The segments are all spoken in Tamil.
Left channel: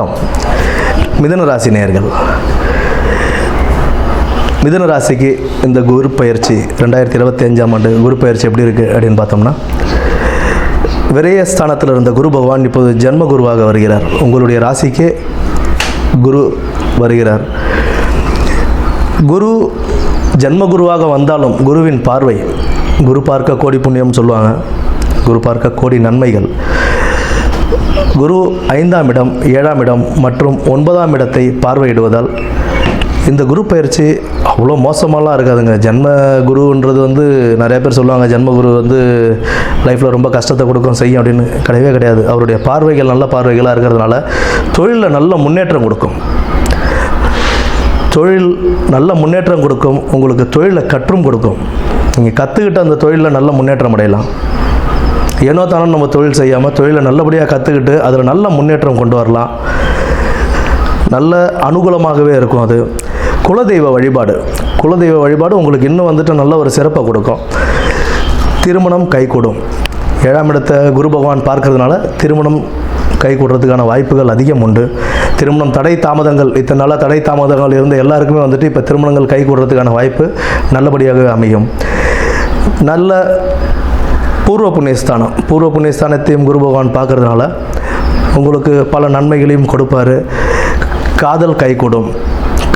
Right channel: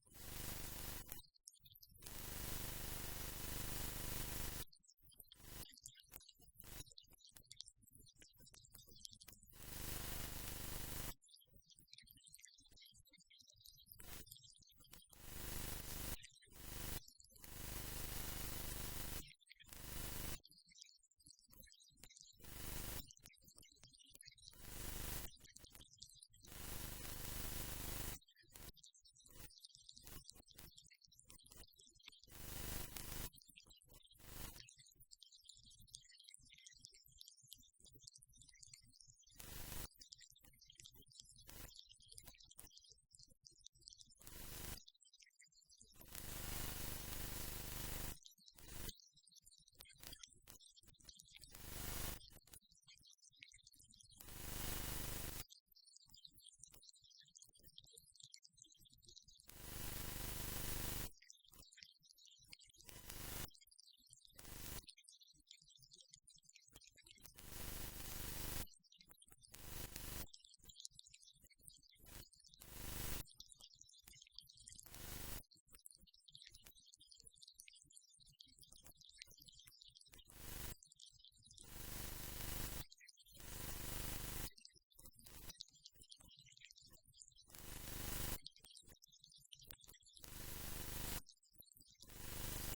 வணக்கம். மிதுன ராசி நேயர்கள், மிதுன ராசிக்கு இந்த குரு பயிற்சி 2025ஆம் ஆண்டு குரு பயிற்சி எப்படி இருக்குது அப்படின்னு பார்த்தோம்னா, விரயஸ்தானத்தில் இருந்த குரு பகவான் இப்போது ஜென்ம குருவாக வருகிறார். உங்களுடைய ராசிக்கே குரு வருகிறார். குரு ஜென்ம குருவாக வந்தாலும் குருவின் பார்வை, குரு பார்க்க கோடி புண்ணியம் சொல்லுவாங்க, குரு பார்க்க கோடி நன்மைகள். குரு 5ஆம் இடம், 7ஆம் இடம் மற்றும் 9ஆம் இடத்தை பார்வையிடுவதால் இந்த குரு பயிற்சி அவ்வளோ மோசமாலாம் இருக்காதுங்க. ஜென்ம குருன்றது நிறைய பேர் சொல்லுவாங்க, ஜென்ம குரு லைஃப்பில் ரொம்ப கஷ்டத்தை கொடுக்கும் செய்யும் அப்படின்னு. கிடையவே கிடையாது. அவருடைய பார்வைகள் நல்ல பார்வைகளாக இருக்கிறதுனால தொழிலில் நல்ல முன்னேற்றம் கொடுக்கும். தொழில் நல்ல முன்னேற்றம் கொடுக்கும். உங்களுக்கு தொழிலை கற்றும் கொடுக்கும். நீங்கள் கற்றுக்கிட்ட அந்த தொழிலில் நல்ல முன்னேற்றம் அடையலாம். ஏனோ தானோ நம்ம தொழில் செய்யாமல் தொழிலை நல்லபடியாக கற்றுக்கிட்டு அதில் நல்ல முன்னேற்றம் கொண்டு வரலாம். நல்ல அனுகூலமாகவே இருக்கும். அது குலதெய்வ வழிபாடு, குலதெய்வ வழிபாடு உங்களுக்கு இன்னும் நல்ல ஒரு சிறப்பை கொடுக்கும். திருமணம் கைகூடும். 7ஆம் இடத்தை குரு பகவான் பார்க்கறதுனால திருமணம் கைகூடுறதுக்கான வாய்ப்புகள் அதிகம் உண்டு. திருமணம் தடை தாமதங்கள், இத்தனை நாளாக தடை தாமதங்கள் இருந்த எல்லாருக்குமே இப்போ திருமணங்கள் கைகூடுறதுக்கான வாய்ப்பு நல்லபடியாகவே அமையும். நல்ல பூர்வ புண்ணியஸ்தானம், பூர்வ புண்ணியஸ்தானத்தையும் குரு பகவான் பார்க்கறதுனால உங்களுக்கு பல நன்மைகளையும் கொடுப்பார். காதல் கைகூடும்.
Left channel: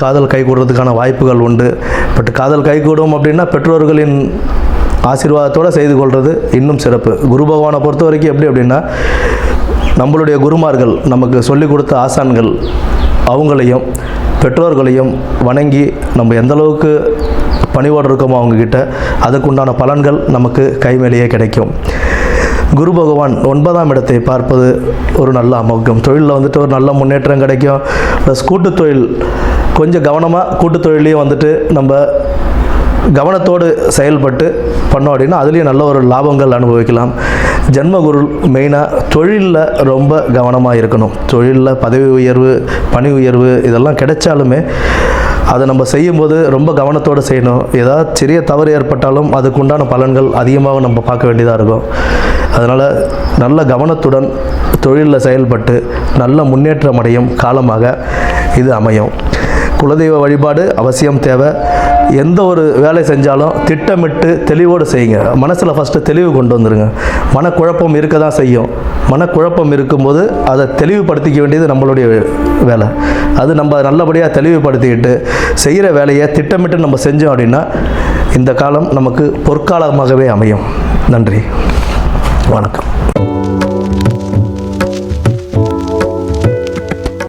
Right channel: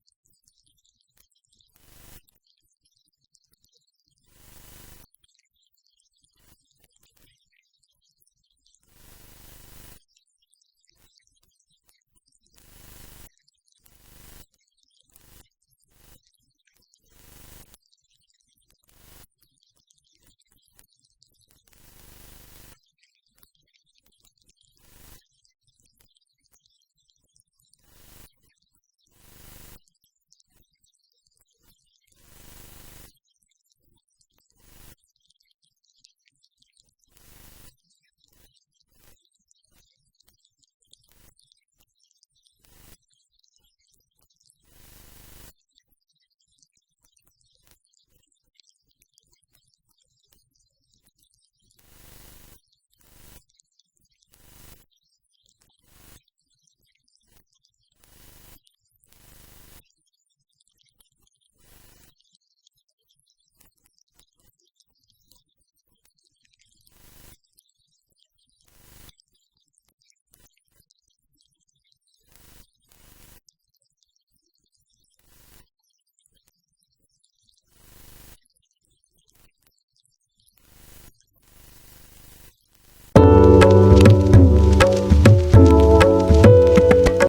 காதல் கைகூடுறதுக்கான வாய்ப்புகள் உண்டு. பட் காதல் கைகூடும் அப்படின்னா பெற்றோர்களின் ஆசீர்வாதத்தோடு செய்து கொள்வது இன்னும் சிறப்பு. குரு பகவானை பொறுத்த வரைக்கும் எப்படி அப்படின்னா, நம்மளுடைய குருமார்கள், நமக்கு சொல்லிக் கொடுத்த ஆசான்கள், அவங்களையும் பெற்றோர்களையும் வணங்கி நம்ம எந்தளவுக்கு பணிவோடு இருக்கோமோ அவங்கக்கிட்ட, அதுக்குண்டான பலன்கள் நமக்கு கைமேலேயே கிடைக்கும். குரு பகவான் 9ஆம் இடத்தை பார்ப்பது ஒரு நல்ல அமோகம். தொழிலில் ஒரு நல்ல முன்னேற்றம் கிடைக்கும். ப்ளஸ் கூட்டுத் தொழில் கொஞ்சம் கவனமாக, கூட்டுத் தொழிலையும் நம்ம கவனத்தோடு செயல்பட்டு பண்ணோம் அப்படின்னா அதுலேயும் நல்ல ஒரு லாபங்கள் அனுபவிக்கலாம். ஜென்மகுரு மெயினாக தொழிலில் ரொம்ப கவனமாக இருக்கணும். தொழிலில் பதவி உயர்வு, பணி உயர்வு இதெல்லாம் கிடைச்சாலுமே அதை நம்ம செய்யும்போது ரொம்ப கவனத்தோடு செய்யணும். ஏதாவது சிறிய தவறு ஏற்பட்டாலும் அதுக்குண்டான பலன்கள் அதிகமாக நம்ம பார்க்க வேண்டியதாக இருக்கும். அதனால் நல்ல கவனத்துடன் தொழிலில் செயல்பட்டு நல்ல முன்னேற்றம் அடையும் காலமாக இது அமையும். குலதெய்வ வழிபாடு அவசியம் தேவை. எந்த ஒரு வேலை செஞ்சாலும் திட்டமிட்டு தெளிவோடு செய்யுங்க. மனசில் ஃபஸ்ட்டு தெளிவு கொண்டு வந்துடுங்க. மனக்குழப்பம் இருக்க தான் செய்யும். மனக்குழப்பம் இருக்கும்போது அதை தெளிவுபடுத்திக்க வேண்டியது நம்மளுடைய வேலை. அது நம்ம நல்லபடியாக தெளிவுபடுத்திக்கிட்டு செய்கிற வேலையை திட்டமிட்டு நம்ம செஞ்சோம் அப்படின்னா இந்த காலம் நமக்கு பொற்காலமாகவே அமையும். நன்றி, வணக்கம்.